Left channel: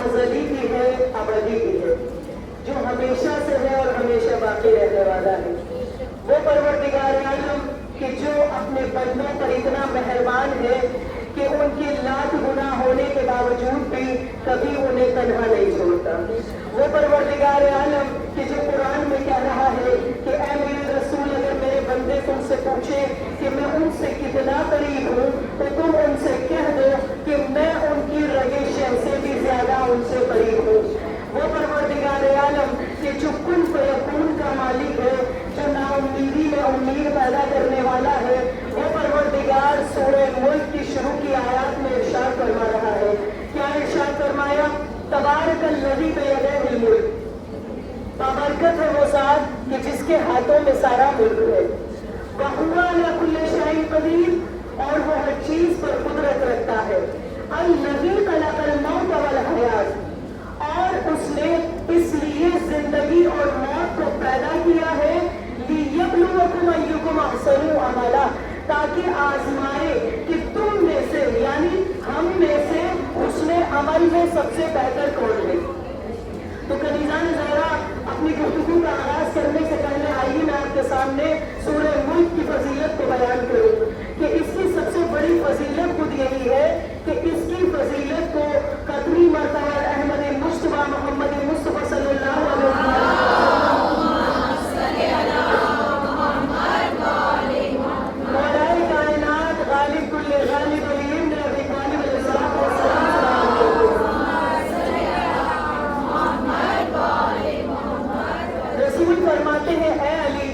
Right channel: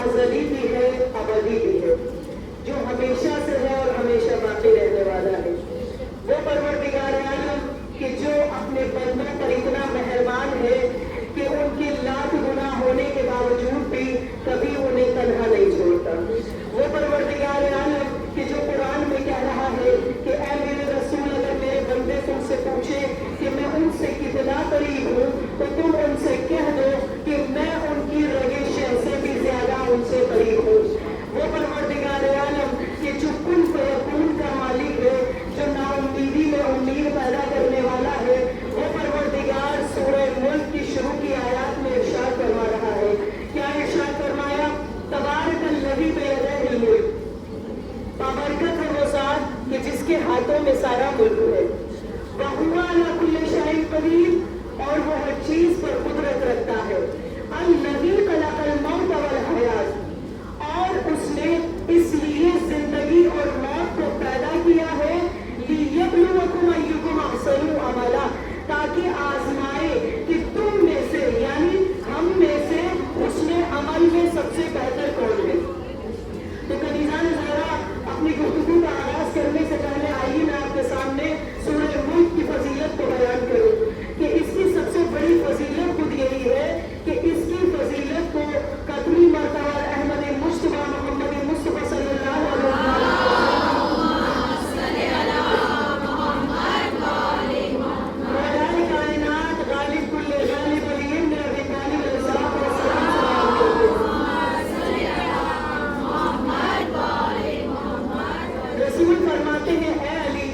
अज़ली भी है, अबदी भी है, जो हमेशा से है और हमेशा बाकी रहने वाला है। वो परवरदिगार आलम कि जो अपने बंदों पर इतना मेहरबान है कि उनके लाख गुनाह होने के बावजूद भी कभी उन्हें तन्हा नहीं छोड़ता। वो परवरदिगार आलम कि जो कुरान में कह रहा है कि ऐ मेरे रसूल, अगर मेरे बंदे तुमसे पूछे कि मैं उनसे कितना करीब हूँ तो तुम उनसे कह दो कि मैं उनकी रगे शह से भी ज्यादा उनसे करीब हूँ। वो परवरदिगार आलम कि जो कुन फयकून का मालिक है, जो नाउम्मीदी में उम्मीद पैदा करने वाला है, वो परवरदिगार सूरह मुल्क की शुरू की आयत में इरशाद फरमा रहा है। क्या इरशाद फरमाया? तबारकल्लज़ी बियदिहिल मुल्क, बाबरकत है वो ज़ात कि जिसके हाथों में सारा मुल्क है। वहुवा अला कुल्ली शैइन कदीर, और वो हर चीज पर कुदरत रखता है। अल्लज़ी खलक़ल मौत वल हयात, और उसने इसलिए जिंदगी और मौत को पैदा किया है लियब्लुवकुम अय्युकुम अहसनु अमला, ताकि आजमाए कि तुम में से यानी हम में से उसने अमल में सबसे बेहतर कौन है। तो कनीज़ान ज़हरा, अपनी गुफ्तगू का आगाज करने से पहले आइए मैं आपके सामने सूरह मुल्क की फजीलत को बयान करूं कि इसकी सबसे बड़ी फजीलत खुद यही है कि इसकी फजीलत को कतरी मरतबा अहमद मुस्तफा मोहम्मद मुस्तफा सल्लल्लाहु अलैहि वसल्लम मौलाए कायनात गालिब कुल्ले गालिब अलीम ने अभी गालिब रसूल फरमाते हैं, ऐ अली,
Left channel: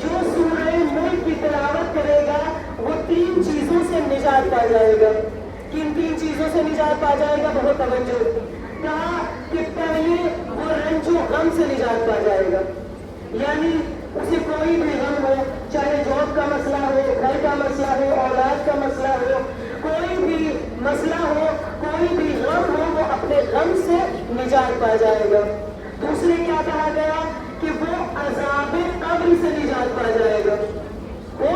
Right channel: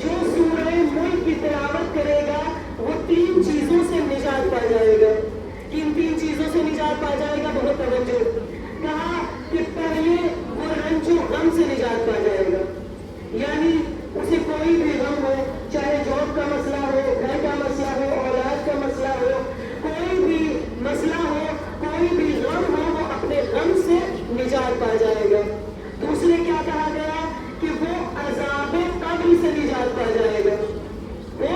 जो सूरह मुल्क की तिलावत करेगा वो तीन चीजों से निजात पा जाएगा। किन तीन चीजों से निजात पा जाएगा? बहुत तवज्जो। कहा कि पहले वो रंजो गम से निजात पा जाएगा, यानी उसे कोई भी गम हो, चाहे जॉब का मसला हो, घर का मसला हो, औलाद का मसला हो, कोई भी मसला हो, कोई भी गम हो, वो अपने गम से निजात पा जाएगा। दूसरे क्या कहा गया कि वो अज़ाब कब्र से निजात पा जाएगा, वो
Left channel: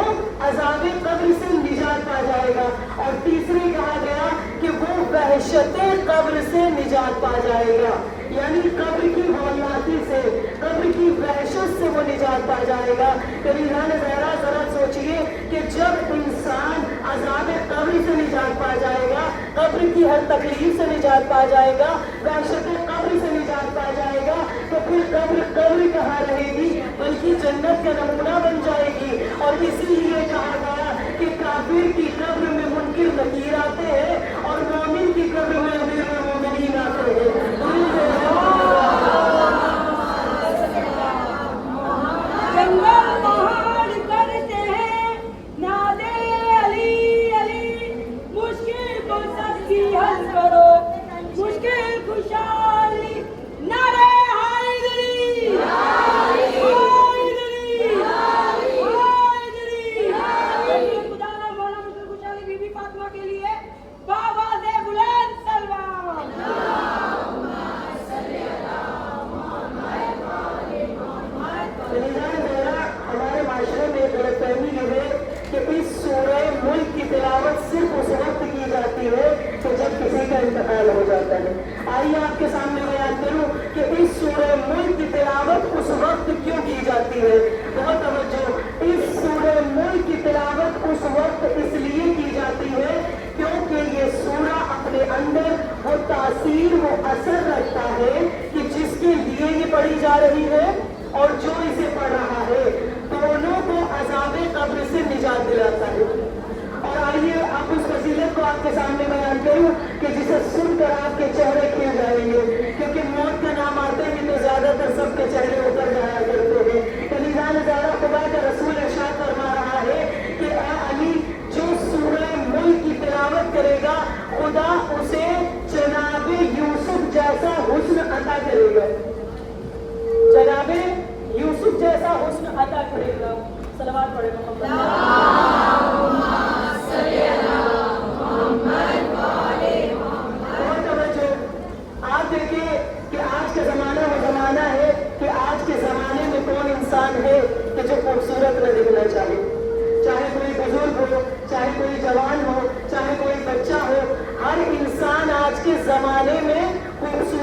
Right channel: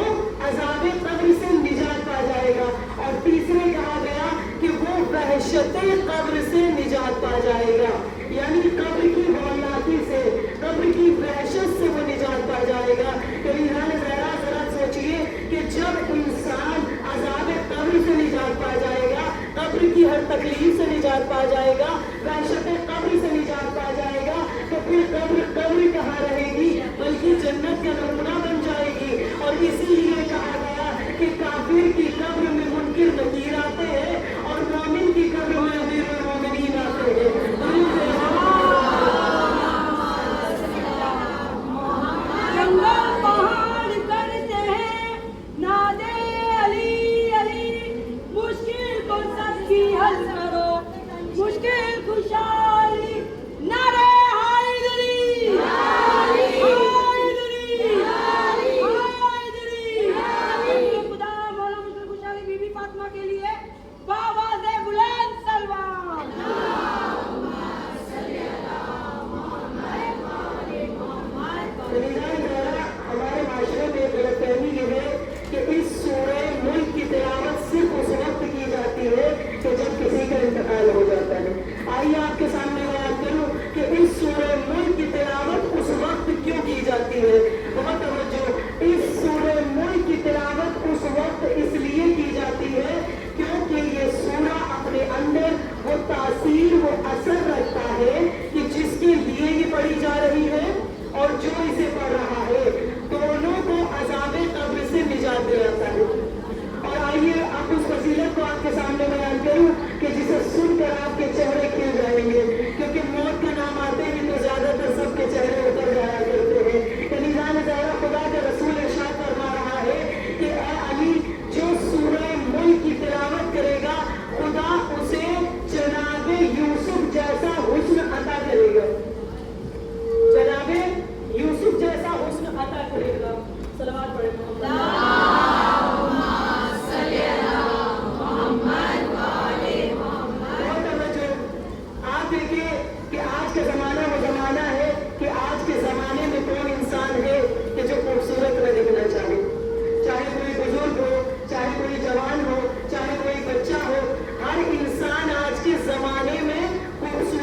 अज़ाब कब्र से निजात पा जाएगा। और तीसरे कहा गया कि वो वहशते कब्र से निजात पा जाएगा, यानी कब्र की हौलनाकी से, कब्र की वहशत से वो निजात पा जाएगा। कनीज़ान ज़हरा, जरा सोचिए कि जब इंसान अज़ाब कब्र से निजात पा जाएगा, कब्र की हर तकलीफ से निजात पा जाएगा, वहशते कब्र से निजात पा जाएगा, तो फिर कब्र कहाँ रहेगी, बल्कि जन्नत का नमूना बन जाएगी। और इसीलिए कहा गया कि काफिर की कब्र में मुनकिर नकीर आते हैं और मोमिन की कब्र में अमीरुल मोमिनीन आते हैं। इंतकाल हो जाता है। आइए आपके सामने बयान करूं कि इस सूरह मुल्क की तिलावत उस वक्त क्यों की जाती है। बहुत तवज्जो, इस सूरह मुल्क की तिलावत उस वक्त इसलिए की जाती है क्योंकि ये सूरा अपने अंदर वो तासीर, वो असर रखता है कि जिसके लिए ये पढ़ी जा रही है और जो इसे पढ़ रहा है, दोनों को अज़ाब कब्र से निजात दिलाता है। और आइए आप उस फजीलत को आपके सामने बयान करूं कि जिसे सुनकर आपके चेहरे खिल जाएंगे, क्योंकि मौत का नाम आते ही तो ज्यादातर सबके चेहरे ऊपर जाया करते हैं। कनीज़ान ज़हरा, खुदा का रसूल इरशाद फरमा रहा है कि ऐ अली, जो सूरह मुल्क की तिलावत करेगा खुदा उसे जनाबे यूसुफ जैसा हुस्न अता करेगा, जनाबे यूसुफ जैसा हुस्न अता करेगा। सलावत पढ़े आप देखिए कि आज का जमाना वो जमाना है कि आज के जमाने में कौन इंसान है कि जो खूबसूरत न दिखना चाहे। चाहे कोई बुजुर्ग हो, चाहे कोई जवान हो, चाहे कोई बच्चा हो, हर इंसान आज के जमाने में खूबसूरत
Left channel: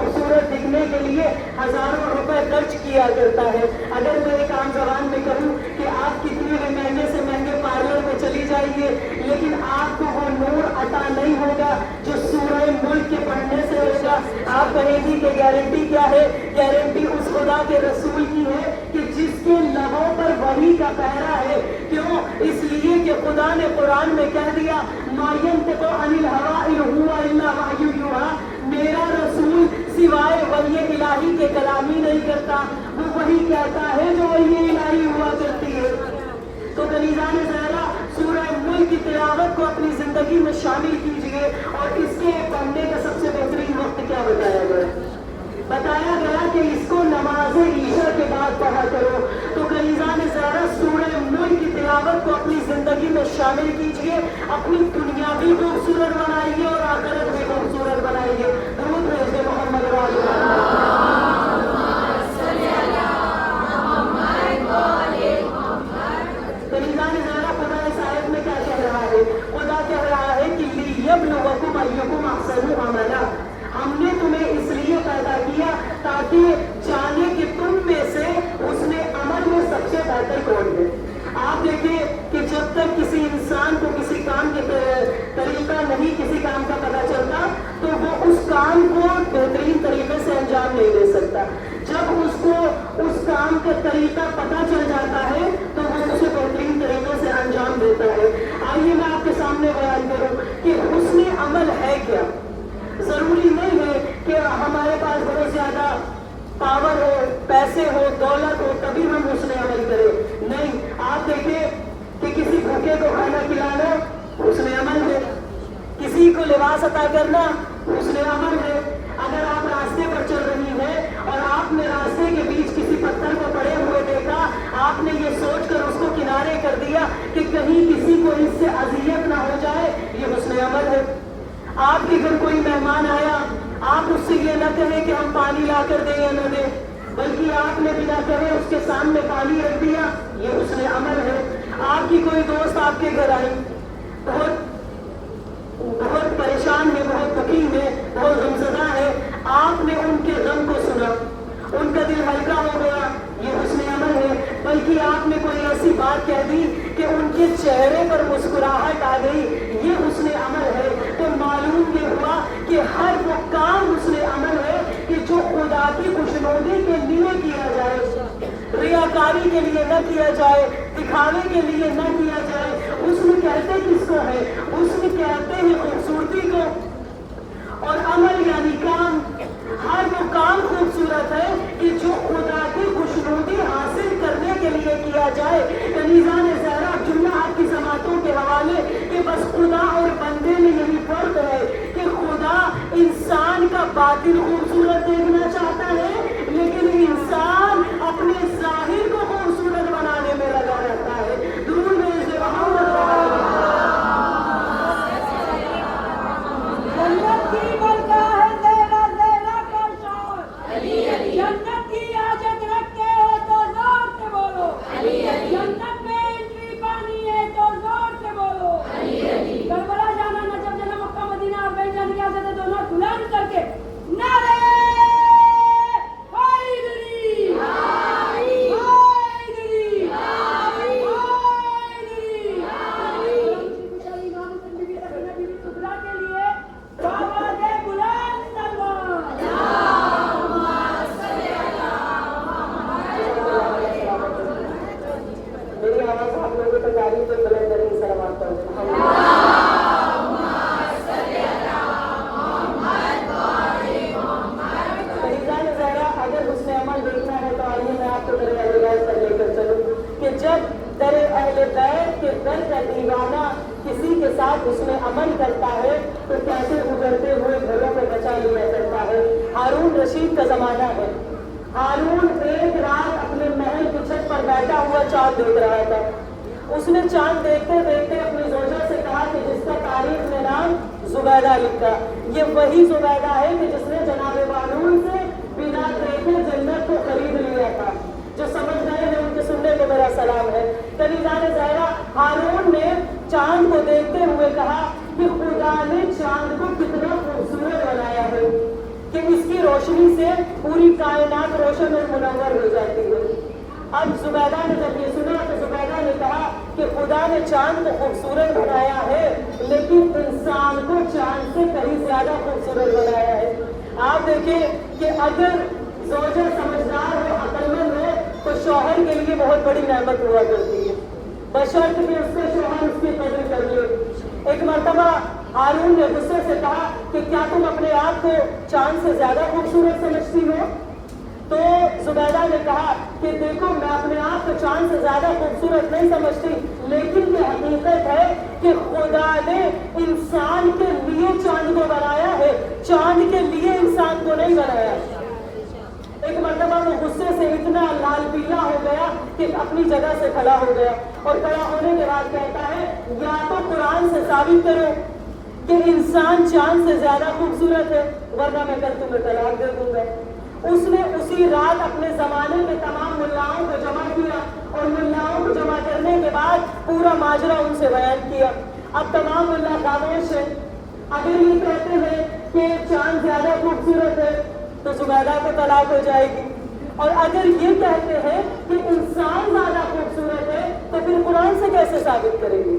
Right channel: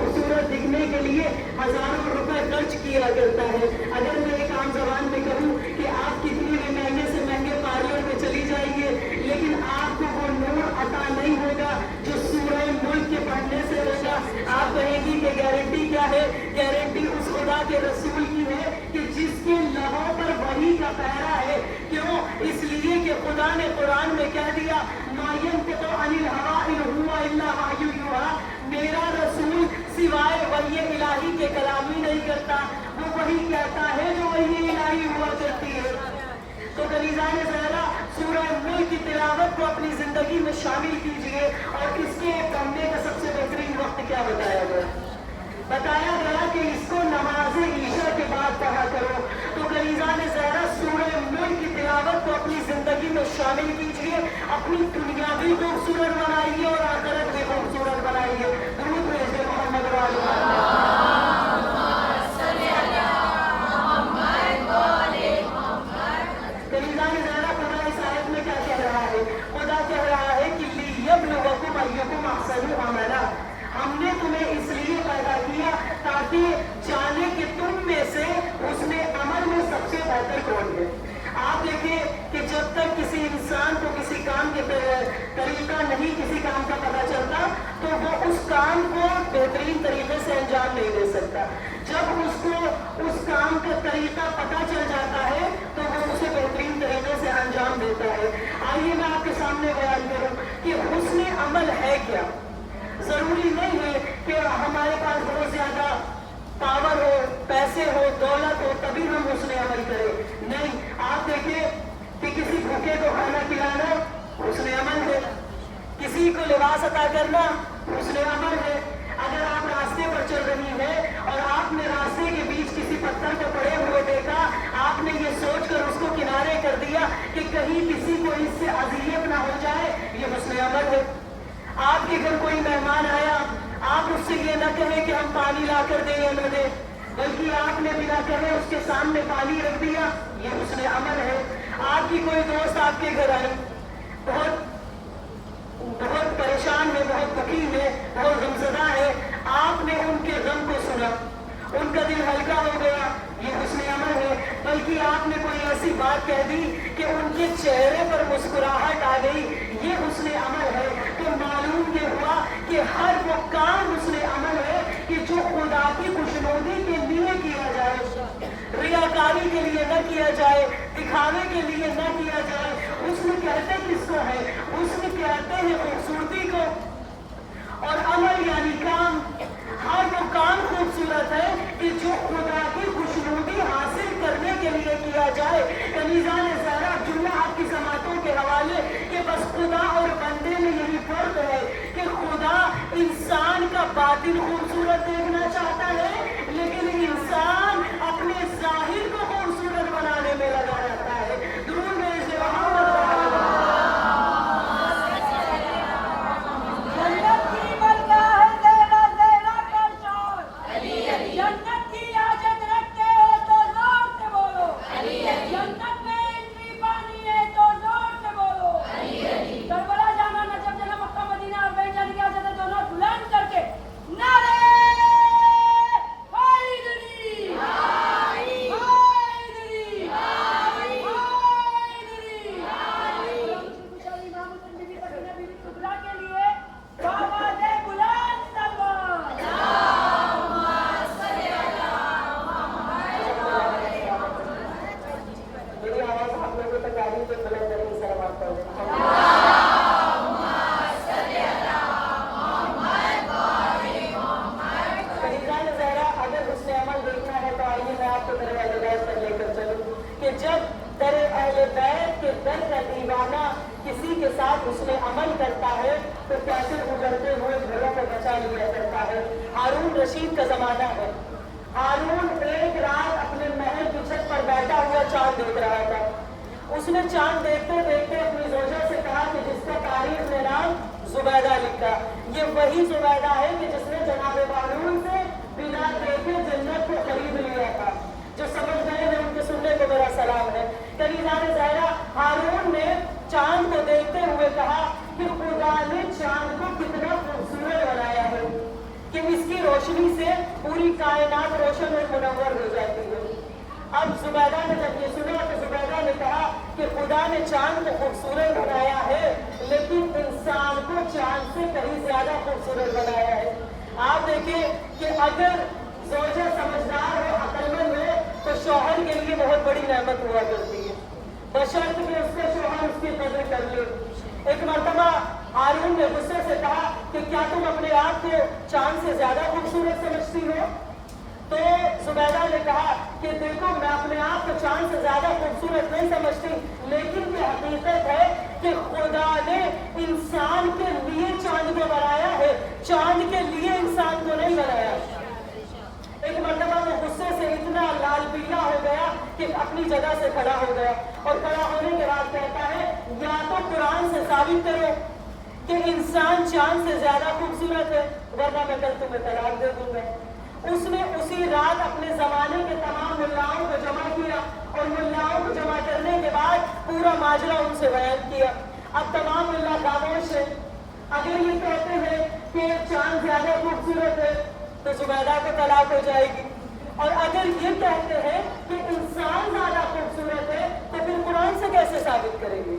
خوبصورت دکھنے کے لیے ہزاروں روپے خرچ کیا کرتا ہے. اگر میں ایک عام زبان میں کہوں کہ آپ کتنے بھی مہنگے سے مہنگے پارلر میں چلی جائیے لیکن آپ کو وہ نور عطا نہیں ہوگا جو سورہ ملک کے پڑھنے سے ہوگا. آپ کہیں گی کہ گارنٹی کیا ہے؟ گارنٹی اس خدا کے رسول کی ہے کہ جس کے لبوں پر وحی کا پہرا ہے. کیوں؟ اس لیے کہ خدا نے قرآن میں کہہ دیا ما ينطق عن الهوى ان هو الا وحی یوحی. میرا رسول سوائے وحی الہی کے کلام ہی نہیں کرتا، وہ وہی کہتا ہے جو وحی الہی ہوا کرتی ہے. تو کنیزان زہرا سورہ ملک کی تلاوت کو اپنی زندگی میں شامل کیجیے. اور اس کے پڑھنے کا سب سے بہترین وقت کیا بتایا گیا؟ بتایا گیا کہ اس کو نماز عشاء کے بعد پڑھا کرو. تو کنیزان زہرا سورہ ملک کی تلاوت کو اپنی زندگی میں شامل کیجیے، اپنی دنیا بھی خوبصورت بنائیے اور آخرت بھی خوبصورت بنائیے. درود بھیجیے محمد وعلی محمد. کنیزان زہرا خدا اس آیت میں کیا کہہ رہا ہے؟ خدا کہہ رہا ہے کہ لیبلوکم ایکم احسن عملا. ہم نے تمہیں اس لیے پیدا کیا تاکہ جانے کہ تم میں سے اس میں عمل میں سب سے بہتر کون ہے. آپ دیکھیں کہ جب تک کسی انسان کو کسی کام کے طریقہ نہیں کسی کام کا پتہ چلتا تو وہ اس کام کو بہترین طریقے سے انجام نہیں دے سکتا. جب اس کو اس کام کا طریقہ پتہ چل جاتا ہے تو وہ اسے بہترین طریقے سے انجام دیتا ہے. آئیے میں آپ کے سامنے بیان کروں کہ حسن عمل ہے کیا. ضروری نہیں ہے کہ ہمارے پاس بہت زیادہ پاور ہو، پیسے ہو، دولت ہو تبھی ہم حسن عمل کریں. نہیں، آپ دیکھیں کہ کسی بھوکے کو کھانا کھلانا حسن عمل ہے، کسی کو لباس عطا کرنا حسن عمل ہے. اگر آپ راستے پر چل رہی ہیں اور آپ نے راستے کے بیچ کسی پتھر کو پڑے ہوئے دیکھا، آپ نے یہ سوچ کر اس کو کنارے کر دیا کہ کہیں کسی کو اس سے اذیت نہ ہو جائے، یہ حسن عمل ہے. آپ کے گھر کوئی مہمان آیا، آپ اس سے یہ نہ کہیں کہ ہم پانی لا کر دیں یا نہ دیں، بلکہ آپ نے بنا کہے اس کے سامنے پانی رکھ دیا، یہ حسن عمل ہے. آپ کی کوئی دوست آپ کے گھر آئی، بہت پریشان ہے، بہت دکھی ہے، بہت غمزدہ ہے. آپ نے ان کے غم کو سنا، ان کا دل ہلکا ہو گیا، یہ حسن عمل ہے. بلکہ آپ نے کوئی ایسی بات کہہ دی کہ ان کے چہرے پر مسکراہٹ آ گئی، یہ حسن عمل ہے. تو معلوم یہ ہوا کہ ہر وہ کام حسن عمل ہے کہ جو خدا کی خوشنودی کے لیے کیا جائے، ریاکاری کے لیے نہ کیا جائے، دکھاوے کے لیے نہ کیا جائے. حسن کہتے کس کو ہے؟ حسن کہتے ہیں خوبصورتی کو. اور عمل یعنی کام. ہر وہ کام خوبصورت ہے کہ جو خدا کی خوشنودی حاصل کرنے کے لیے کیا جائے. کنیزان زہرا جملہ آپ کی سماعتوں کے حوالے کہ بس خدا اور بندے میں یہی فرق ہے کہ خدا انسان کا باطن خوبصورت دیکھنا چاہتا ہے لیکن انسان اپنے ظاہر کو خوبصورت بنانے میں لگا رہتا ہے. درود بھیجیے محمد جنت کی بلگاہ ہے زہرا زہرا کا شان. جنت کی حاجت رکھتے ہو تو زور سے بولو. جنت میں انٹری پانی ہے تو زور سے بولو. کربلا جانا نجف جانا مکہ مدینہ آپ کہیں جانے کی حاجت ہے دونوں بلند کر کے نعرے حیدری حیدری میری آواز آپ لوگوں تک آ رہی ہے تو بلند ترین سلامات پڑھ دیں. اگر حسن عمل دیکھنا ہے تو آئیے میں آپ کو در اہل بیت پر لے کر چلوں کہ جب در اہل بیت کے در کا دیوانہ کسی کے ساتھ حسن عمل کرتا ہے تو کیسے گزرتے ہوئے گھروں کو بچا لیا کرتا ہے. ہارون رشید کا زمانہ ہے. ہارون ایک رات اپنے محل کی چھت پر بیٹھا ہوا چاند دیکھ رہا تھا. اس نے چاند دیکھتے دیکھتے اپنی زوجہ سے کہا کہ جس کا تاریخ میں نام زبیدہ لکھا، یہ وہی زبیدہ ہے کہ جس نے جناب بانون سے بنا دیکھے جنت کو خرید لیا تھا. جو سمجھ گئے ہیں ان کے سننے کو میرا سلام ہے. کنیزان زہرا ہارون نے چاند کو دیکھتے ہوئے کہا کہ خدا نے چاند کو کتنا خوبصورت بنایا ہے کہ اس کی روشنی पूरी कायनात रोशन और मुनव्वर हो जाती है। अब जुबैदा ने जब ये सुना तो जुबैदा ने कहा कि खुदा ने चांद को खूबसूरत बनाया है, लेकिन इंसान को चांद से कहीं ज्यादा खूबसूरत बनाया है। आप देखें कि अगर ज़ौजा समझदार हो, अक्लमंद हो, तो शौहर के लिए बहुत बड़ी नेमत हुआ करती है, बशर्ते कि उसका शौहर उसकी कदर कर ले। एक मर्तबा हारून ने गुस्से से कहा कि क्या तुम अपने आप को चांद से ज्यादा खूबसूरत समझती हो? तो जुबैदा ने कहा कि देखो, मैं अपने आप को चांद से ज्यादा खूबसूरत नहीं समझती, लेकिन ये हकीकत है कि खुदा ने इंसान के लिए चांद को बनाया है, चांद के लिए इंसान को नहीं बनाया। एक मर्तबा वो गुस्से से इतना लाल पीला हो गया कि अपनी जगह से खड़ा हो गया, और खड़ा होने के बाद कहता है, या तो कुरान से साबित करो कि इंसान चांद से ज्यादा खूबसूरत है, वरना मैं कल तुम्हें तलाक दे दूंगा। उसने उसी रात अपने जमाने के तमाम मुल्लाओं को जमा किया, और मुल्लाओं को जमा करने के बाद पूरा माजरा उनसे बयान किया। अब तमाम मुल्ला खामोश है। अगर ये कहते हैं कि चांद ज्यादा खूबसूरत है तो जुबैदा को तलाक हो जाएगी, और अगर ये कहते हैं कि इंसान ज्यादा खूबसूरत है तो फिर कुरान से कैसे साबित करेंगे?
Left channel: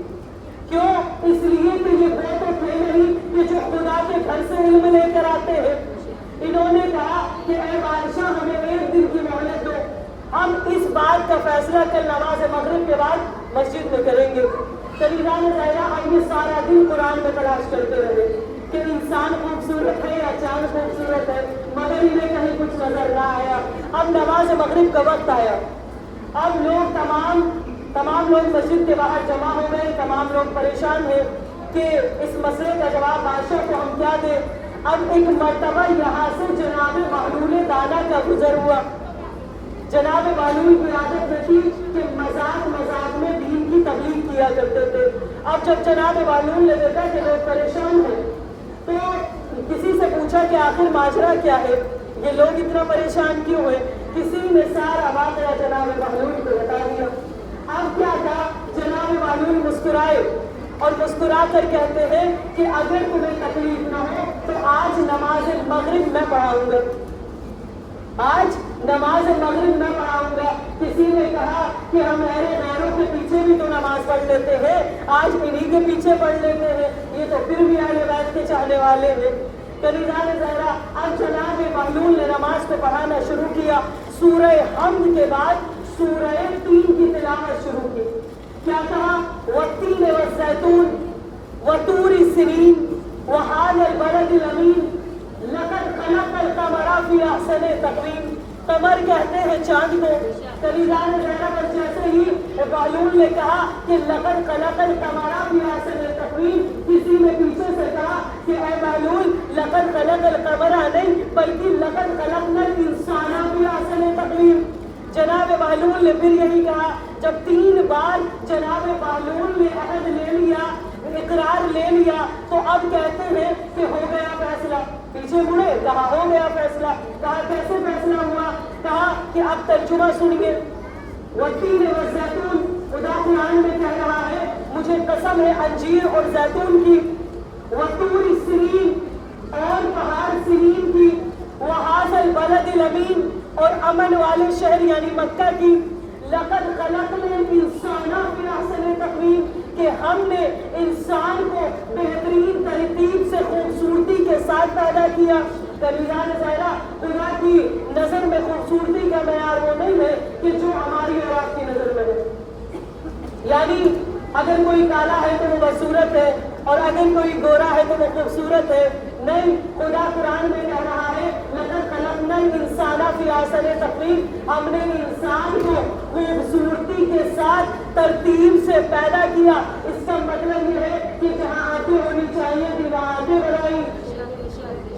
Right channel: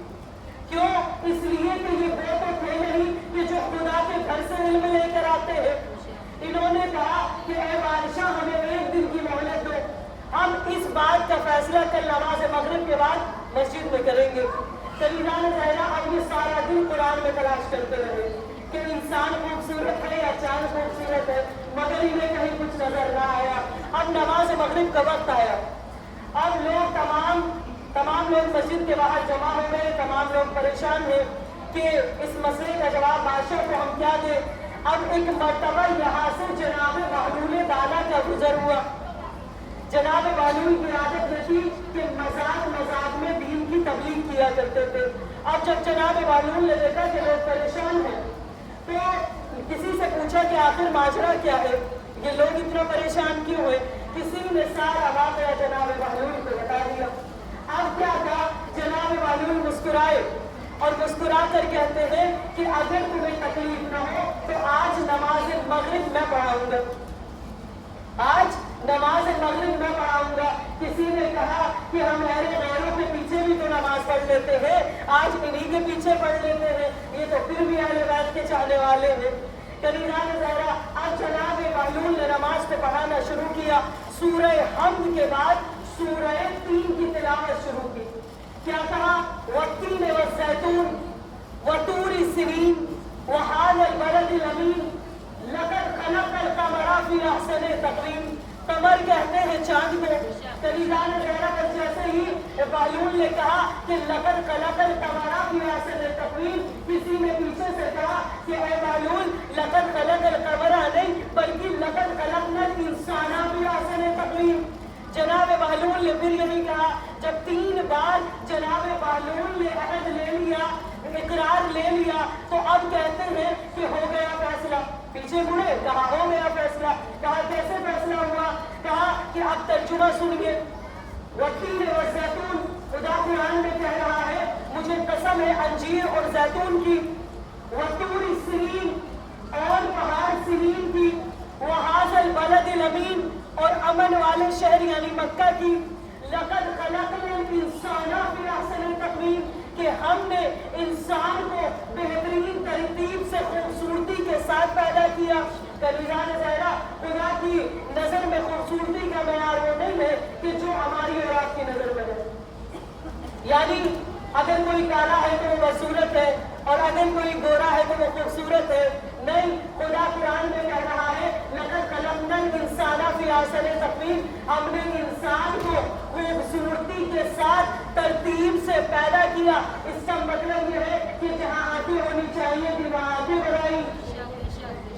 क्यों? इसलिए कि ये वो तो थे नहीं कि जो खुदा के घर से इल्म लेकर आते हैं। इन्होंने कहा कि ऐ बादशाह, हमें एक दिन की मोहलत दो, हम इस बात का फैसला कल नमाज मगरिब के बाद मस्जिद में करेंगे। कलीजान ज़ाहिरा अब ये सारा दिन कुरान में तलाश करते रहे कि इंसान खूबसूरत है या चांद खूबसूरत है, मगर इन्हें कहीं कुछ नजर ना आया। अब नमाज मगरिब का वक्त आया, अब लोग तमाम लोग मस्जिद के बाहर जमा हो गए। तमाम लोग परेशान हैं कि इस मसले का जवाब बादशाह को हम क्या दें। अब एक मर्तबा यहाँ से जनाब महलूल दाना का गुजर हुआ। जनाब महलूल की आदत न थी कि मजाक में दीन की तबलीग किया करते थे। अब जब जनाब महलूल ने देखा कि लोग परेशान हैं, तो किसी से पूछा कि आखिर माजरा क्या है, ये लोग इतना परेशान क्यों हुए? किसी ने सारा वाक़या जनाब महलूल को बता दिया। अब क्या था, जनाब महलूल मुस्कुराए और मुस्कुरा कर कहते हैं कि अगर तुम्हें तकलीफ न हो तो आज नमाज मगरिब मैं पढ़ाऊंगा, आज नमाज मगरिब मैं पढ़ाऊंगा। किसी ने कहा कि हम मेरे गैरों के पीछे भी तो नमाज पढ़ लेते हैं, आज इन्हीं के पीछे पढ़ लेते हैं, ये तो फिर भी अहले बैत के चाहने वाले हैं। कलीजान ज़हरा, अब जनाब महलूल ने नमाज को पढ़ाना शुरू किया। सूरह हम्द के बाद सूरह तीन की तिलावत शुरू की। क्या कहा? वत्तीन वज़्ज़ैतून वतूरी सिनीन वहाज़ल बलदिल अमीन लक़द ख़लक़ल क़मरा फ़ी अहसनि तक़वीम। कमर कहते हैं चांद को। कलीजान ज़हरा, बस जैसे ही महलूल ने कहा कि लक़द ख़लक़ल क़मरा फ़ी अहसनि तक़वीम, किसी ने पीछे से कहा कि ऐ महलूल, लक़द ख़लक़ल क़मरा नहीं बल्कि लक़द ख़लक़नल इंसान फ़ी अहसनि तक़वीम। जनाब महलूल ने फिर यही कहा। जब 3 बार जनाब महलूल ने अहद ले लिया, इकरार ले लिया, तो अब कहते हैं कि हो गया फैसला। पीछे मुड़े, कहा हो गया फैसला। कहा कैसे फैसला हुआ? कहा कि अब तर्जुमा सुनिए। वत्तीन वज़्ज़ैतून, खुदा कुरान में कह रहा है, मुझे कसम है अंजीर और जैतून की, वतूरी सिनीन, और पहाड़ सिनीन की, वहाज़ल बलदिल अमीन, और अमन वाले शहर यानी मक्का की, लक़द ख़लक़नल इंसान फ़ी अहसनि तक़वीम, कि हमने इंसान को बेहतरीन तरतीब से खूबसूरती के साथ पैदा किया। कलीजान ज़हरा, खुदा की नजर में खूबसूरती का मयार वो नहीं है कि जो हमारी और आपकी नजर में है। यानी अगर कोई काला है तो वो बदसूरत है, और अगर कोई गोरा है तो वो खूबसूरत है। नहीं, खुदा कुरान में कह रहा है, लक़द ख़लक़नल इंसान फ़ी अहसनि तक़वीम, हमने इंसान को खूबसूरती के साथ तरतीब से पैदा किया। इसका मतलब ये है कि जहाँ आंखें होनी चाहिए थी वहाँ आंखें बनाई,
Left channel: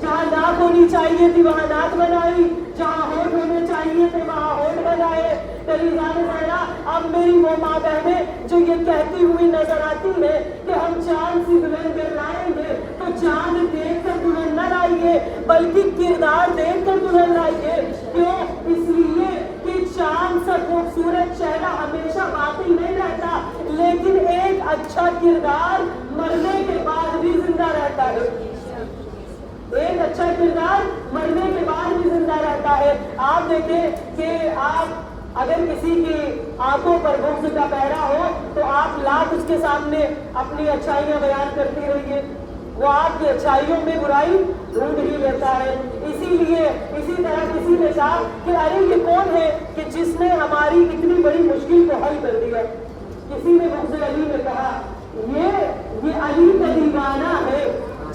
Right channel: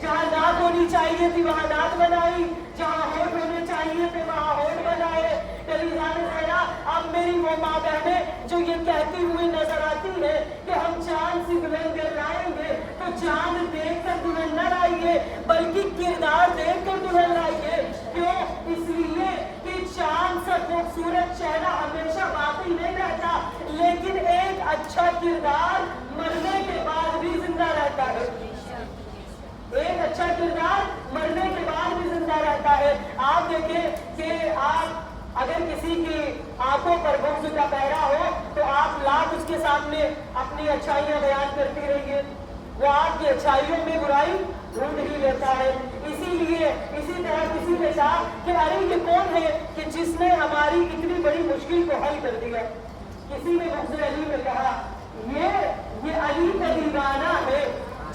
जहाँ नाक होनी चाहिए थी वहाँ नाक बनाई, जहाँ होठ होने चाहिए थे वहाँ होठ बनाए। कलीजान ज़हरा, अब मेरी वो माँ बहनें जो ये कहती हुई नजर आती है कि हम चांद से दुल्हन लाएंगे, तो चांद देख कर दुल्हन न लाइए बल्कि किरदार देख कर दुल्हन लाइए। क्यों? इसलिए कि चांद सा खूबसूरत चेहरा हमेशा बाकी नहीं रहता, लेकिन एक अच्छा किरदार मरने के बाद भी जिंदा रहता है। एक अच्छा किरदार मरने के बाद भी जिंदा रहता है। आप देखें कि आप अगर किसी की आंखों पर बुग़्ज़ का पहरा हो तो आप लाख उसके सामने अपनी अच्छाइयां बयान करती रहिए, वो आपकी अच्छाइयों में बुराई ढूंढ ही लेता है। इसीलिए इसी तरह किसी ने कहा कि अरे ये कौन है कि जिसने हमारी इतनी बड़ी मुश्किल को हल कर दिया। किसी ने मुझसे अली ने कहा ये अली का दीवाना है।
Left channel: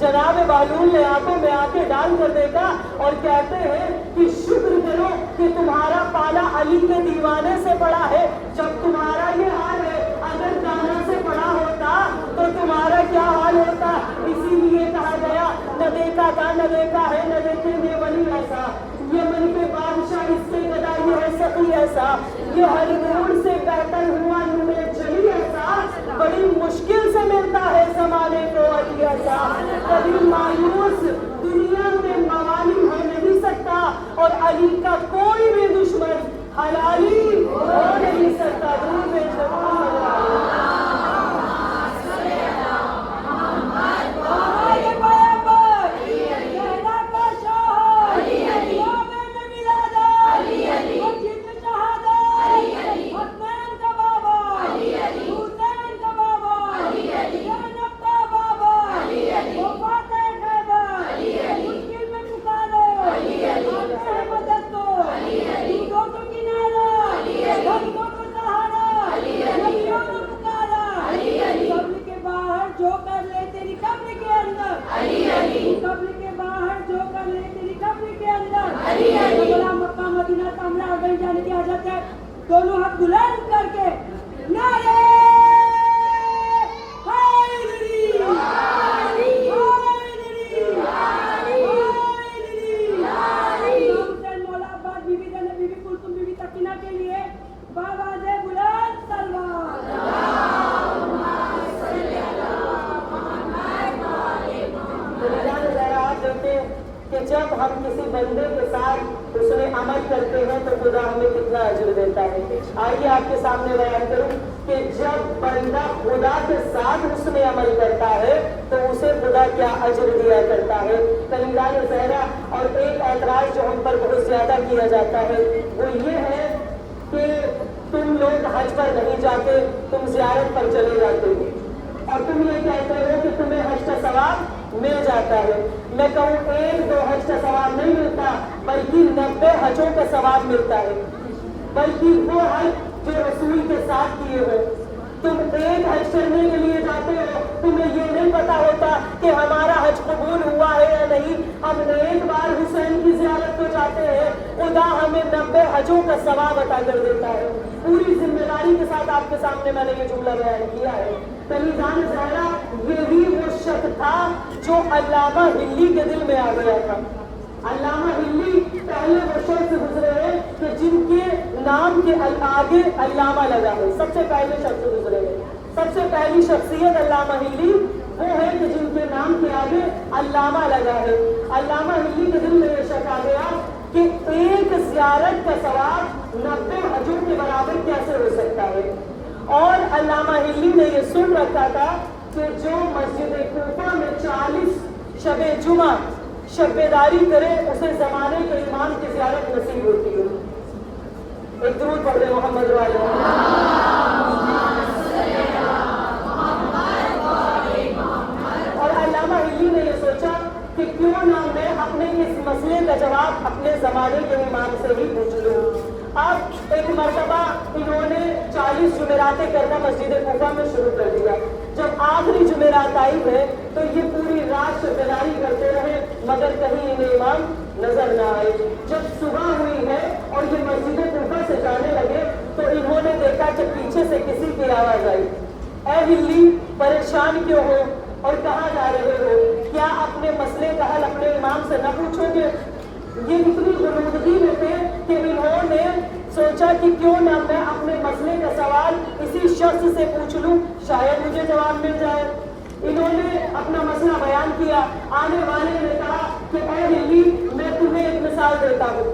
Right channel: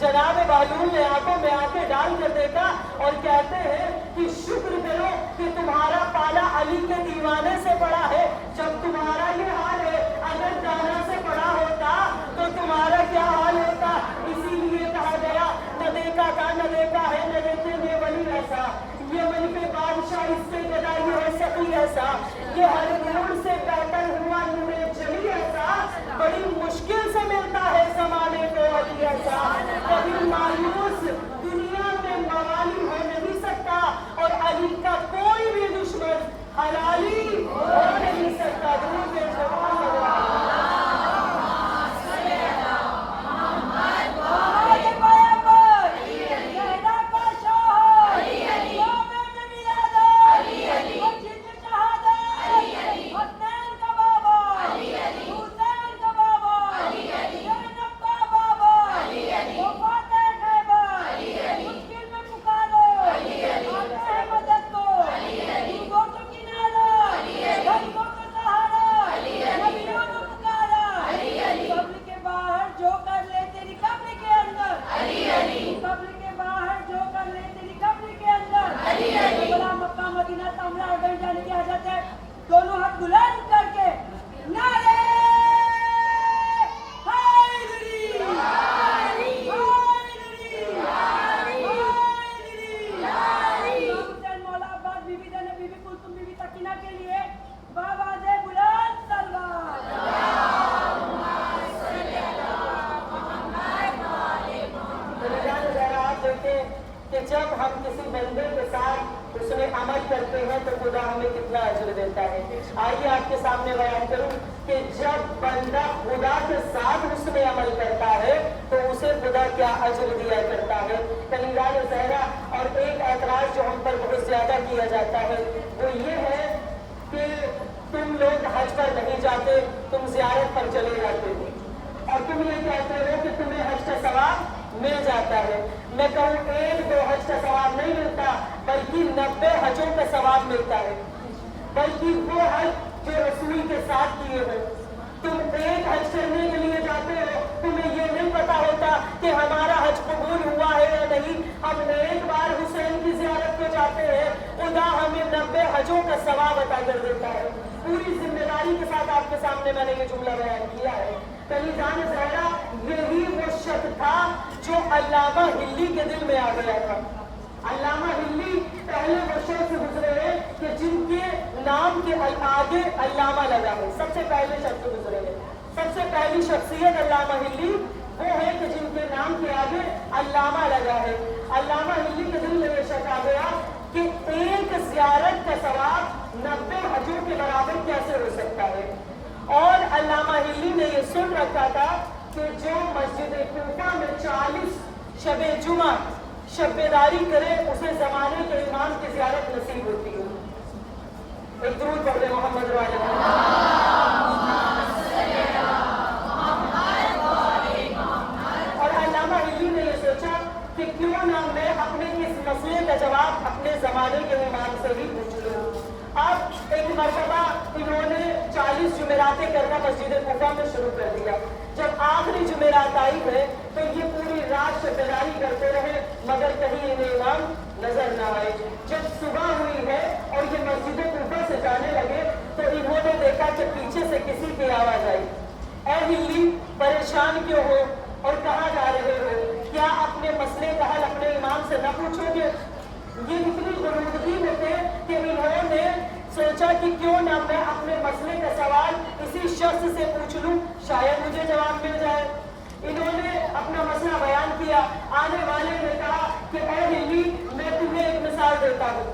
जनाब बालूल ने आंखों में आके डाल कर देखा और कहते हैं कि शुक्र करो कि तुम्हारा पाला अली के दीवाने से पड़ा है। जब तुम्हारा ये हाल है, अगर दाना से पड़ा होता तो तुम्हारा क्या हाल होता। इसीलिए कहा गया न देखा था न देखा है न देखेंगे वली ऐसा, ये मन पे बादशाह इससे पैदा ये हो सकी ऐसा, ये हर मोड़ से बेहतर हुआ नूरे जली ऐसा, बड़ी मुश्किल से मिलता है जमाने को अली ऐसा। कभी मायूस दुनिया में मवाली हो नहीं सकता और अली का कोई भी दुश्मन हलाली हो नहीं सकता। दूर में दोनों हाथ बुलंद करके नारे हैदरी हुसैन मौला अब्बास बीबी ज़ैनब बीबी कुलसुम बीबी सकीना के लिए बावाज़े बुलंद सलवात। आप देखें कि जब हम किसी बंदे के साथ उसने अमल करते हैं तो खुदा हमें कितना अजर देता है। आइए आपके सामने बयान करूं कि जब बंदा खुदा के साथ उसमें अमल करता है तो उसे खुदा क्या अजर दिया करता है। कलीलान ज़हरा और एक ऐतराज जो हम पर बहुत ज्यादा किया जाता है वो ये है कि तुम लोग हज पर नहीं जाते, तुम ज़ियारत पर चले जाते हो और तुम ये कहते हो कि तुम्हें हज का सवाब मिल जाता है। मैं कहूँ 1-2 हज का सवाब नहीं मिलता बल्कि 90 हजों का सवाब मिलता है। बल्कि वो हज जो रसूल के साथ किए हो, तुम एक हज करने के लिए जाते हो, तुम्हें ये नहीं पता होता कि हमारा हज कबूल हुआ है या नहीं। हम एक बार हुसैन की ज़ियारत को जाते हैं, खुदा हमें 90 हजों का सवाब अता कर देता है। पूरी जिम्मेदारी के साथ आपके सामने मैंने ये जुमला बयान किया है। कलीलान ज़हरा यही वो शख्स था जो अल्लामा हिल्ली के दिल में आ गया था। अल्लामा हिल्ली पहले वो शख्स गुजरे हैं कि जिनके नाम के आगे अल्लामा लगा है। सबसे पहले शख्स गुजरे हैं, सबसे पहली शख्सियत अल्लामा हिल्ली वो है कि जिनके नाम के आगे अल्लामा लगा है। अल्लामा हिल्ली के दिल में ये शक आ गया कि एक ज़ियारत का सवाब 90 हजों के बराबर कैसे हो सकता है। और अल्लामा हिल्ली ने ये सुन रखा था कि जो मस्जिद कूफा में 40 शबे जुमा शब्बेदारी करे उसे जमाने के इमाम की ज़ियारत नसीब होती है। एक दुरूद पढ़ दे मोहम्मद वाले। और अल्लामा हिल्ली ने ये सोचा कि क्यों ना मैं अपने इस मसले का जवाब अपने जमाने के इमाम से ही पूछ लूं। अब एक मरतबा इन्होंने 40 जुमेरातें करना मस्जिद कूफा में शुरू कर दिया। जब आखिरी जुमेरात आई है तो ये पूरी रात शब्बेदारी करते रहे मगर कहीं इन्हें इमाम नजर न आए। जब सुबह हुई है और ये मस्जिद कूफा से जाने लगे तो इन्होंने देखा कि पीछे से किसी की आवाज आई, ऐ हिल्ली परेशान क्यों हो और कहाँ जा रहे हो, क्या अपने मसले का हल अपने इमाम से न पूछोगे। ये इतनी गुरूदगी में थे कि इन्होंने सोचा कि क्यों ना मैं अपने मसले का सवाल इसी शख्स से पूछ लूं, शायद मुझे जवाब मिल जाए। इन्होंने अपना मसला बयान किया। आने वाले ने कहा कि ऐ हिल्ली मैं तुम्हें एक मिसाल देता हूँ,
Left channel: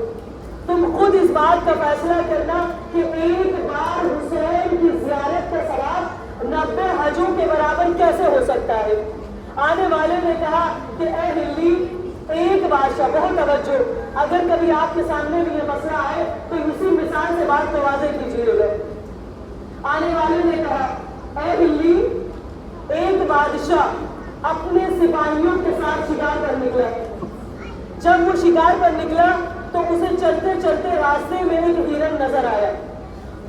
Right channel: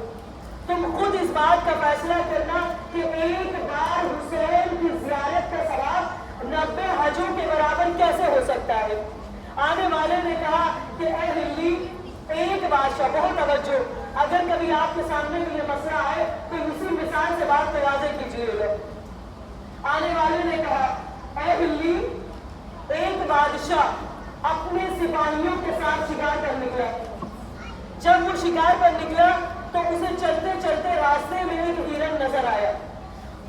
तुम खुद इस बात का फैसला करना कि एक बार हुसैन की ज़ियारत का सवाब 90 हजों के बराबर कैसे हो सकता है। आने वाले ने कहा कि ऐ हिल्ली एक बात بادشاہ بہت توجہ، اگر کبھی آپ کے سامنے بھی یہ مسئلہ آئے تو اسی مثال سے بات کو واضح کیجیے گا۔ آنے والے نے کہا اے بلی، ایک بادشاہ اپنے سپاہیوں کے ساتھ شکار پر نکلا۔ جب وہ شکار پر نکلا تو اسے چلتے چلتے راستے میں ایک ہرن نظر آیا۔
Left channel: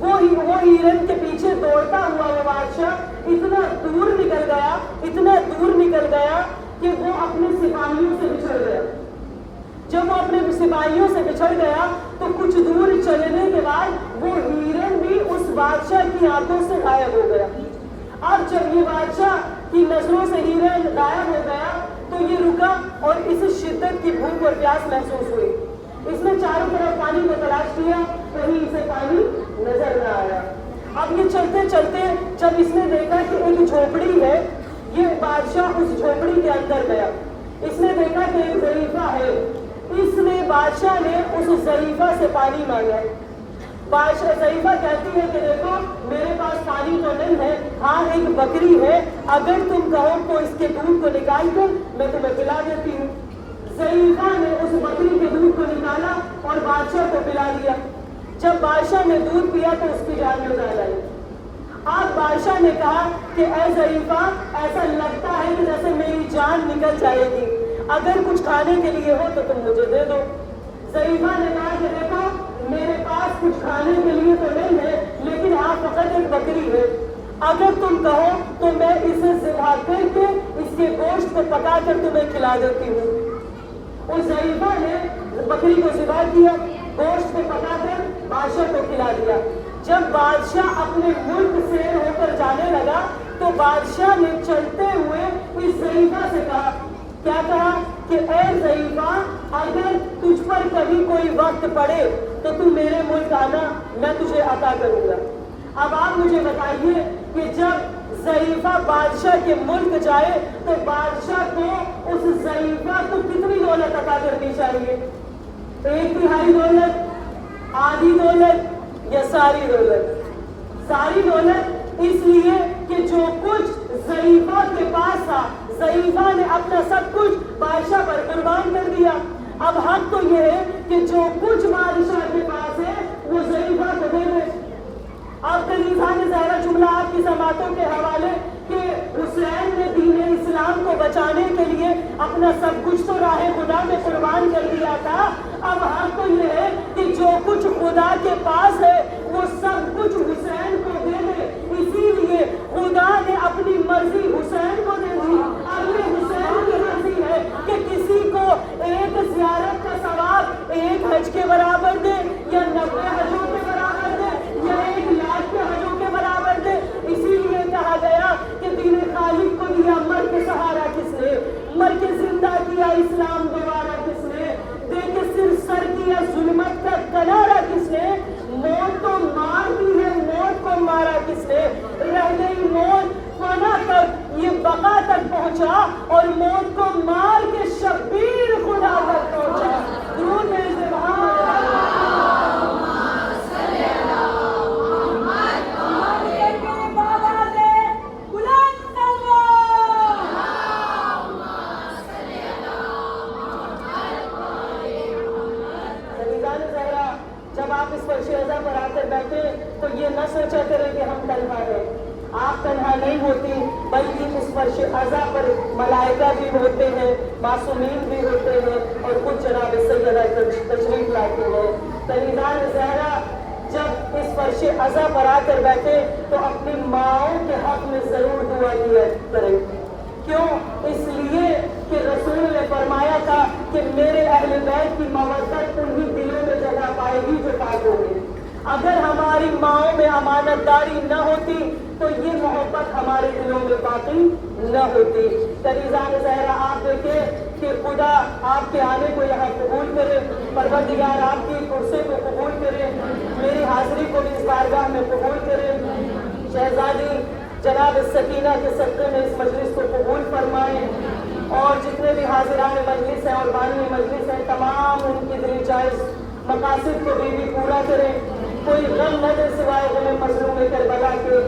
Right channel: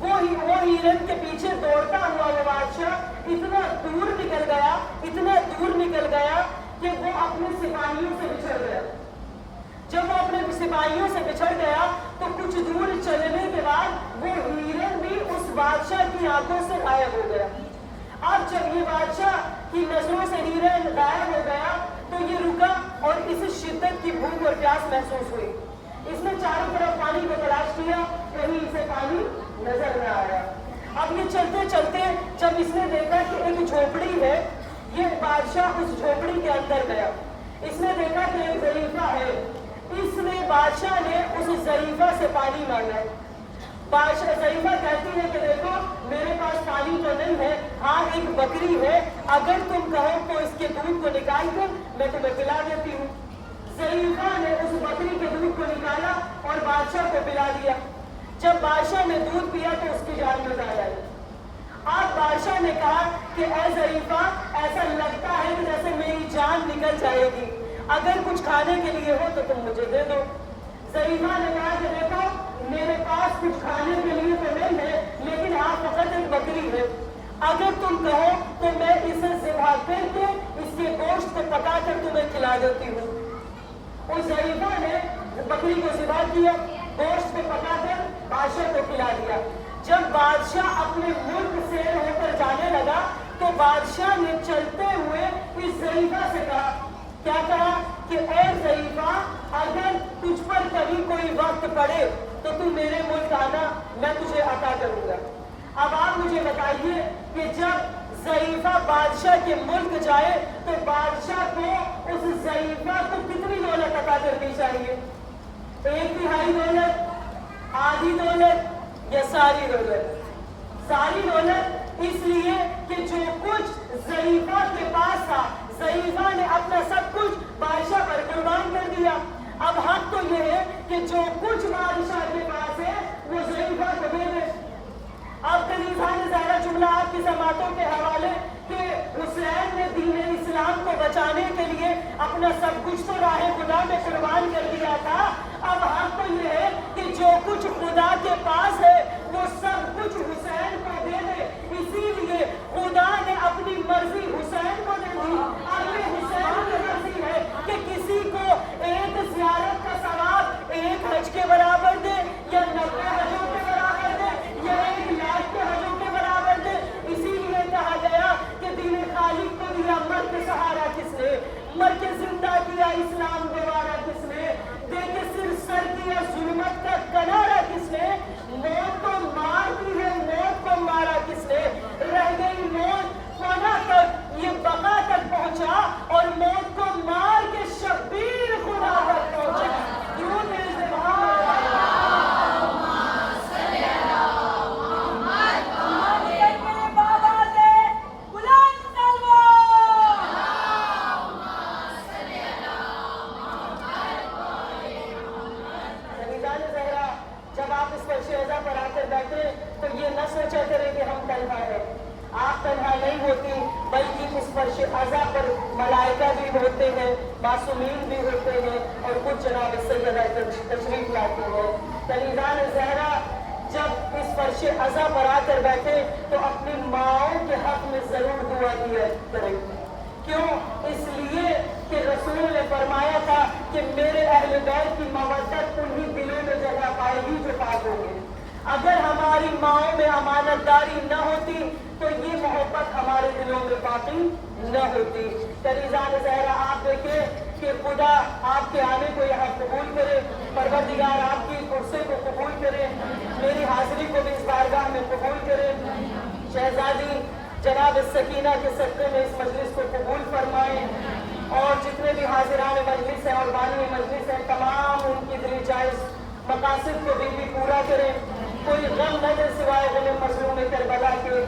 وہ ہرن کے پیچھے دوڑتا ہوا وہ بادشاہ اتنا دور نکل گیا کہ وہ اپنے سپاہیوں سے بچھڑ گیا۔ جب وہ اپنے سپاہیوں سے بچھڑ گیا تو کچھ دور چلنے کے بعد وہ ہرن بھی اس بادشاہ کی آنکھوں سے غائب ہو گیا۔ اب جب یہ بادشاہ کی نظروں سے ہرن غائب ہو گیا تو یہ رکا اور اسے شدت کی بھوک اور پیاس محسوس ہوئی۔ اس نے چاروں طرف پانی کو تلاش کیا، کہیں اسے پانی نظر نہ آیا۔ اب یہ چلتے چلتے جب اس نے دیکھا کہ ایک جھوپڑی ہے، یہ بادشاہ اس جھوپڑی کے اندر گیا۔ اس نے دیکھا کہ ایک ظریفہ ہے، بادشاہ نے اس ظریفہ سے پانی مانگا۔ ظریفہ کہتی ہے کہ دیکھو میرے پاس پانی تو نہیں ہے، ہاں ایک بکری ہے، اگر تم کہو تو اس کے دودھ کو نکال کر میں تمہیں پلا دیتی ہوں۔ ظریفہ نے اس بکری کے دودھ کو نکالا اور بادشاہ کو پلا دیا۔ جب بادشاہ نے دودھ پیا تو اس کی جان میں جان آئی۔ آج بادشاہ نے کہا کہ اے ظریفہ، ایسا لگتا ہے کہ جیسے میری جان نکل جائے گی، اگر کچھ کھانے کے لیے ہو تو تم مجھے دے دو۔ ظریفہ نے کہا کہ دیکھو میرے پاس کچھ کھانے کے لیے تو نہیں ہے، لیکن ہاں فقط ایک بکری ہے، اگر تم کہو تو میں اسے ذبح کر کے اس کے گوشت کو پکا کر تمہیں کھلا دیتی ہوں۔ اس ظریفہ نے بکری کو ذبح کیا، گوشت کو پکا کر بادشاہ کو کھلا دیا۔ جب بادشاہ اپنے ملک سے ہو کر جانے لگا تو بادشاہ نے چلتے ہوئے اس ظریفہ سے کہا، کیا کہا کہ اے ظریفہ، اگر تجھ پر کبھی کوئی وقت پڑے تو تم میرے ملک آنا، میں تجھے عطا کروں گا۔ اب آپ مجھے بتائیے کہ جب ظریفہ بادشاہ کے ملک جائے تو بادشاہ کو اس ظریفہ کو کتنی دولت عطا کرنی چاہیے؟ 1/3 دولت، آدھی دولت یا ساری دولت؟ ساری دولت، اس لیے کہ جو کچھ ظریفہ کے پاس تھا، ظریفہ نے اپنا سب کچھ بادشاہ پر قربان کر دیا۔ اب حق تو یہ ہے کہ جو کچھ بادشاہ کے پاس ہے وہ ظریفہ کو دے دے۔ آپ کا لیزان زہرا جملہ آپ کی سماعتوں کے حوالے کہ حسین نے دین اسلام کو بچانے کے لیے اپنا سب کچھ تو راہ خدا میں قربان کر دیا تھا۔ اب حق تو یہ ہے کہ جو کچھ خدا کے پاس ہے وہ سب کچھ حسین کو دے دے۔ اسی لیے خدا نے اپنی مرضی حسین کو دے دی۔ اب یہ حسین کی مرضی ہے کہ کسی کو ایک زیارت کا ثواب 1 حج کے برابر دے یا 90 حجوں کے برابر دے یا 1 لاکھ کے حجوں کے برابر دے۔ اسی لیے کہا گیا کہ دین خالق کو دیا مر کے سہارا کس نے، مر کے زندہ کیا اسلام گوارا کس نے، دے کے صرف سر کیا ظلمت کا کنارا کس نے، موت کو مار دی ہے موت کو مارا کس نے، رہ گئی موت فنا تک یہ بقا تک پہنچا اور موت کو مار کے شبیر خدا تک پہنچا۔ درود ہے سبحان پر آ کر بیٹھے تو یہ نہ سوچا کریں کہ ہم تنہا ہیں۔ آپ تنہا نہیں ہوتی، بلکہ اس فرش عزا پر ملائکہ بھی ہوتے ہیں، معصومین بھی ہوتے ہیں اور کچھ جناب سیدہ تشریف لاتے ہیں۔ تنیزان زہرا جب اس فرش عزا پر آ کر بیٹھے تو اپنی ماؤں کے حق میں ضرور دعا کیا کریں۔ کیوں؟ اس لیے کہ رسول نے فرمایا تھا کہ میرے اہل بیت کی مودت انہی دلوں میں جگہ پائے گی جو پاک ہوگی۔ اگر ہماری ماؤں میں امانت داری نہ ہوتی تو یہ محبت ہمارے دلوں میں باقی نہ ہوتی۔ تنیزان زہرا آپ دیکھیں کہ خدا آپ کے آنے کو یہاں قبول کرے، پروردگار آپ کی کرسی کو قبول کرے، میری حاضری کو بھی اس بارگاہ میں قبول کرے۔ شہزادی جناب سکینہ کے صدقے میں اس مجلس کو قبول فرمائیں اور جتنے بھی حاضران مجلس ہیں اور بانی مجلس ہیں تمام ان کی دل جائز مقاصد کو بھی پورا کریں، کوئی غم نہ دے سوائے غم مظلوم میں کربلا کے۔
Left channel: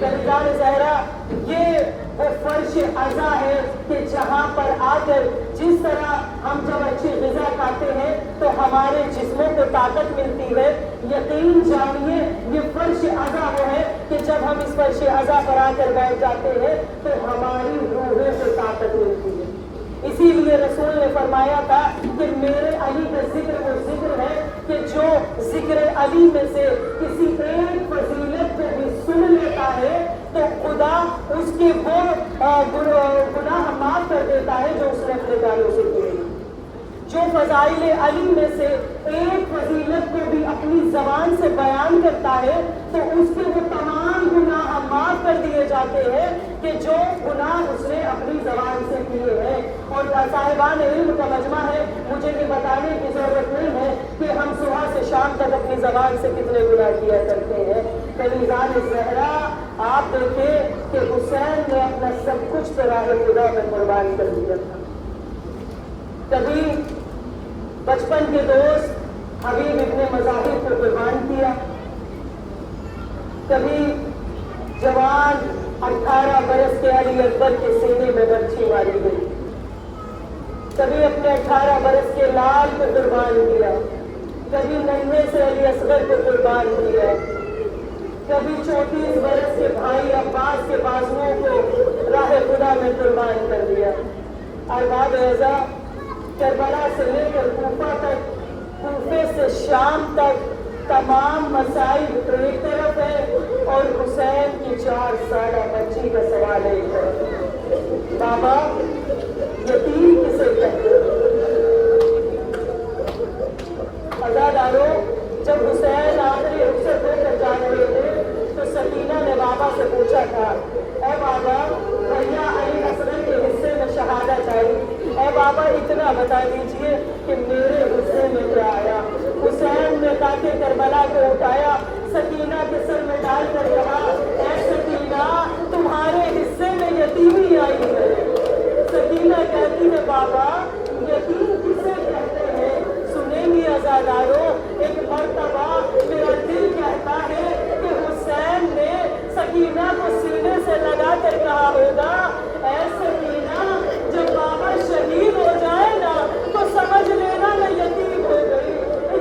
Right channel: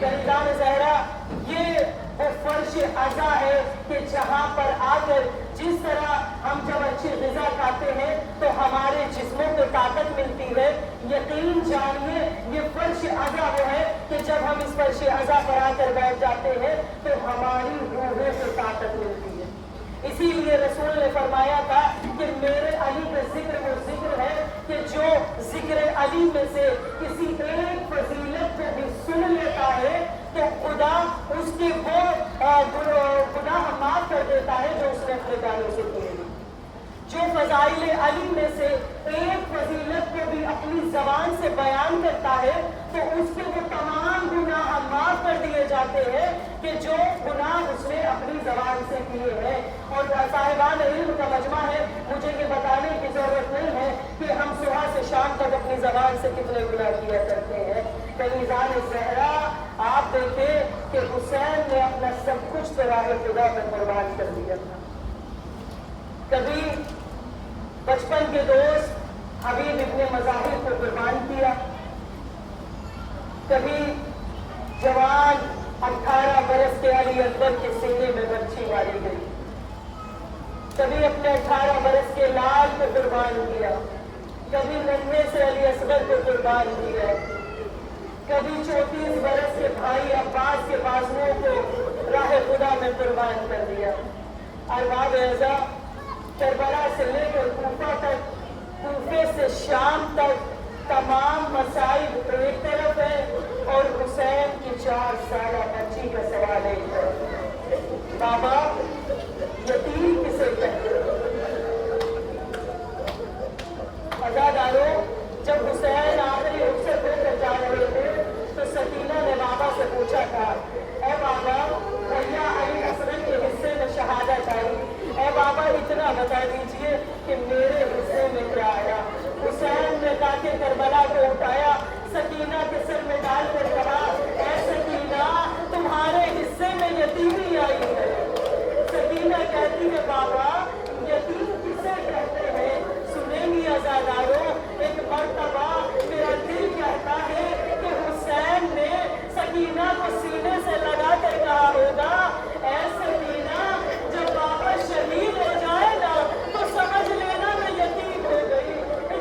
تنیزان زہرا یہ وہ فرش عزا ہے کہ جہاں پر آ کر جس طرح ہم جب اچھی غذا हमारे जिस्मों को ताकत मिलती है, यकीन जानिए ये फर्श अज़ा वो है कि जब हम इस फर्श अज़ा पर आकर बैठ जाते हैं तो हमारी रूहों को ताकत मिलती है। इसीलिए रसूल ने फरमाया था कि मेरे अली का जिक्र वो जिक्र है कि जो जिक्र अली में से किसी एक फजीलत को भी सुन लेता है तो खुदा उसके वो गुनाह माफ कर देता है जो उसने अपने गालों से किए हैं। जो फजाइल अली में से एक फजीलत को भी अपनी जबान से बयान करता है तो उसके वो तमाम गुनाह माफ कर दिए जाते हैं कि जो गुनाह उसने अपनी जबान से किए हैं। और साहिबान इल्म का मजमा है, मुझे ये बताने की जरूरत नहीं है कि हम सुबह से शाम तक अपनी जबान से कितने गुनाह किया करते हैं। फरीजान ज़हरा आप देखें कि हुसैन ने अपना सब कुछ राह खुदा में कुर्बान कर दिया था। कभी बचपन के दोस्त हबीब इब्ने मज़ाहिर को कुर्बान किया, कभी जवान 18 बरस के अली अकबर के सीने में बर्छी मारी गई, कभी अपने 18 बरस के लाल को कुर्बान किया, कभी नन्हे से अली असगर को कुर्बान किया, कभी 34 बरस के भाई अब्बास के बाजुओं को राह खुदा में कुर्बान कर दिया। अरबाब एज़ा करबला से लेकर कूफा तक, कूफे से शाम तक तमाम मसाइब एक तरफ है और हुसैन की 4 साल बच्ची का सवाल एक तरफ। बाबा यतीम किसे कहते हैं? अज़ादारों, जब हुसैन आखिरी रुखसत होकर जा रहे थे तो सकीना ने बाबा से पूछा था, ऐ बाबा भैया अली असगर के हिस्से में शहादत आई, ऐ बाबा इतना बता दीजिए कि मेरे हिस्से में क्या आया। हुसैन ने ताकि करबला को उठाया, सकीना के सर में डालकर कहा, ऐ सकीना तुम्हारे हिस्से में यतीमी आई है। सकीना कहती है, बाबा यतीम किसे कहते हैं? सुनेंगी अज़ादारों, एक मर्तबा मेरा दिल कहता है कि हुसैन ने सकीना को सीने से लगा कर कहा होगा, ऐ सकीना जब बाबा शहीद हो जाए ना तो समझ लेना मैं यतीम हो गई।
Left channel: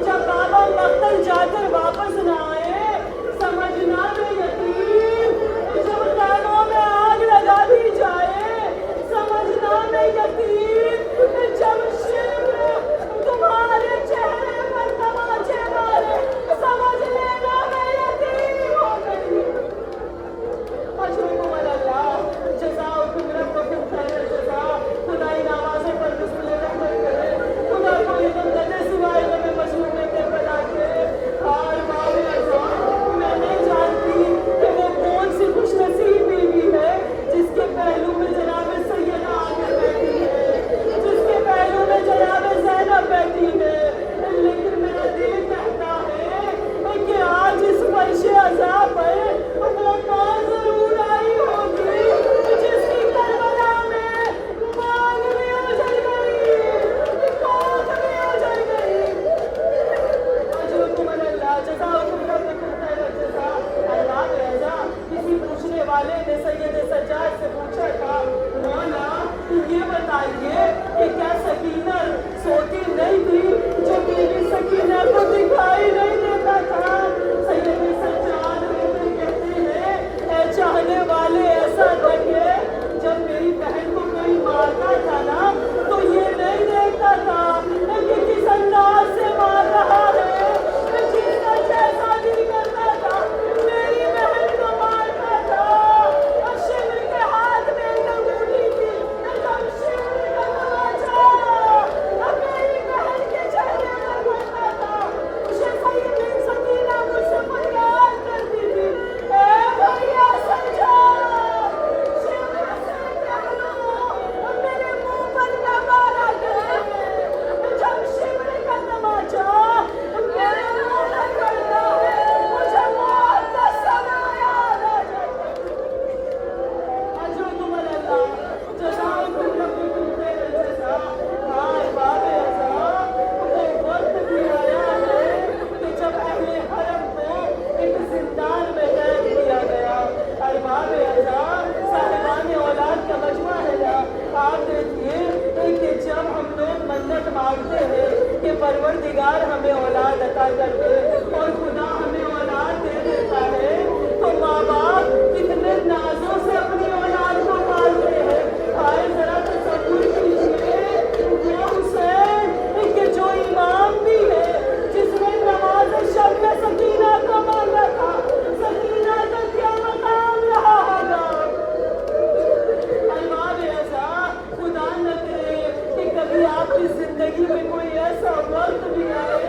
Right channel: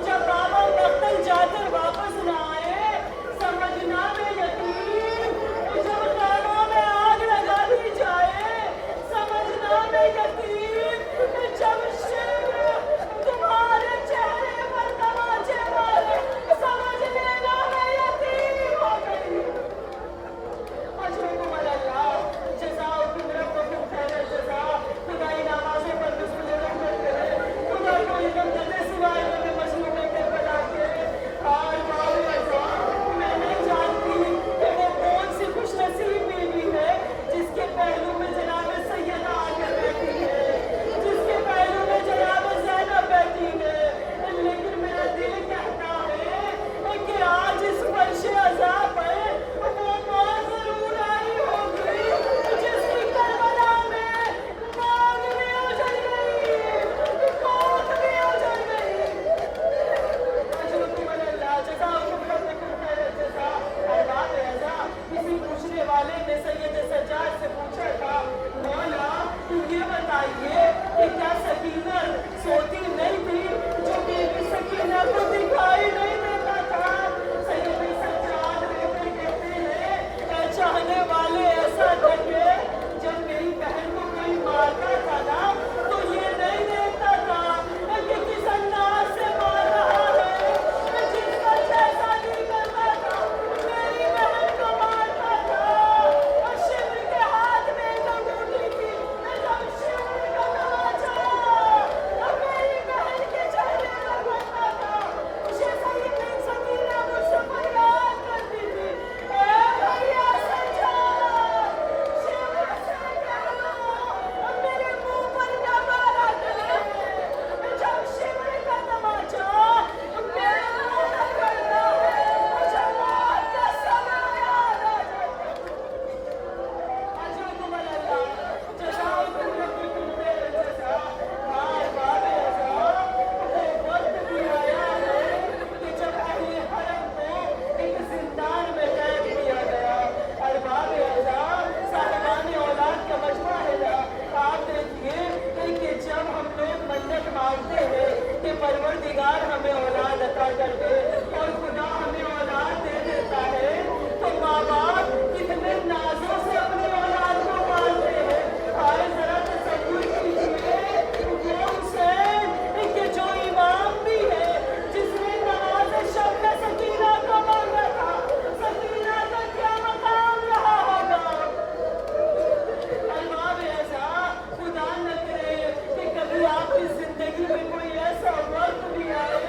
जब बाबा मक्तल जाकर वापस न आए समझना मैं यतीम। जब कानों में आग लगा दी जाए समझना मैं यतीम। जब शिर तुम्हारे चेहरे पर परवरदिगार हमें औलाद अता कर दे और खुदा हमें औलाद दे देता है तो माँ बाप कितने नाजों से अपनी औलाद को पालते हैं। आए जरा तसव्वुर कीजिए वो हुसैन कि जो इमाम भी है जिसने नमाज शब में सकीना को मांगा था, सकीना का क्या मकाम रहा होगा। अल्लाह ऐसा खुदा न करे कि कभी आपकी जिंदगी में कोई ऐसा वक्त भी आए